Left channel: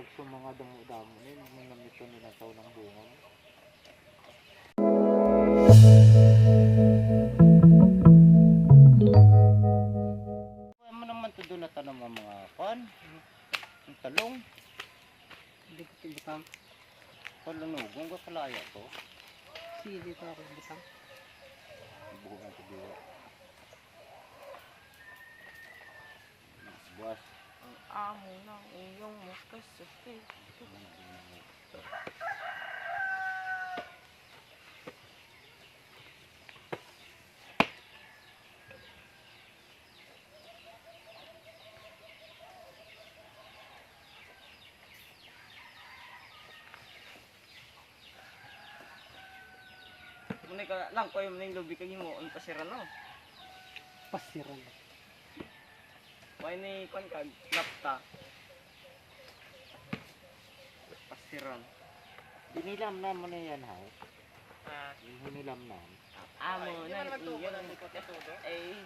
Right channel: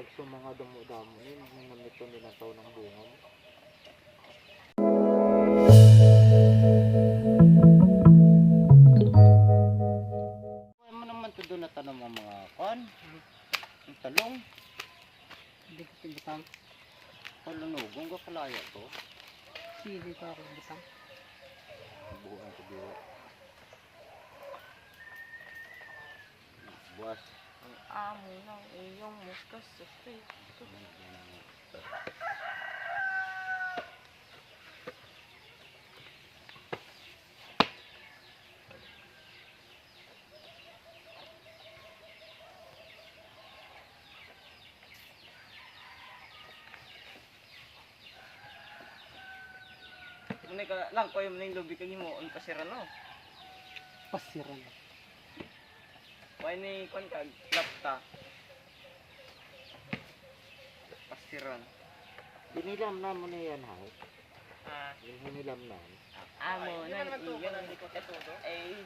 Pag sa mga damo-damo yun, namito ninataw ng bunga mo. Kaya mo naman ito doon na tanong ang mga kwan, ang talong. Hindi ko tibutang. Palanugong ka kalaya to. Sige ka ako butang. Buho na ito diwa. Buwas. Ang amo ng iyong muskas sa pito. Muna ka lang ko yung ning lubi kag mo ang kasira no. Pasiran. Why ni kon kag lapta. Pasiran. Dinilam naman na yan, hay. Ah, Hinilam na. amo Ay, di ba naman tubo ng likot na todo? Eh,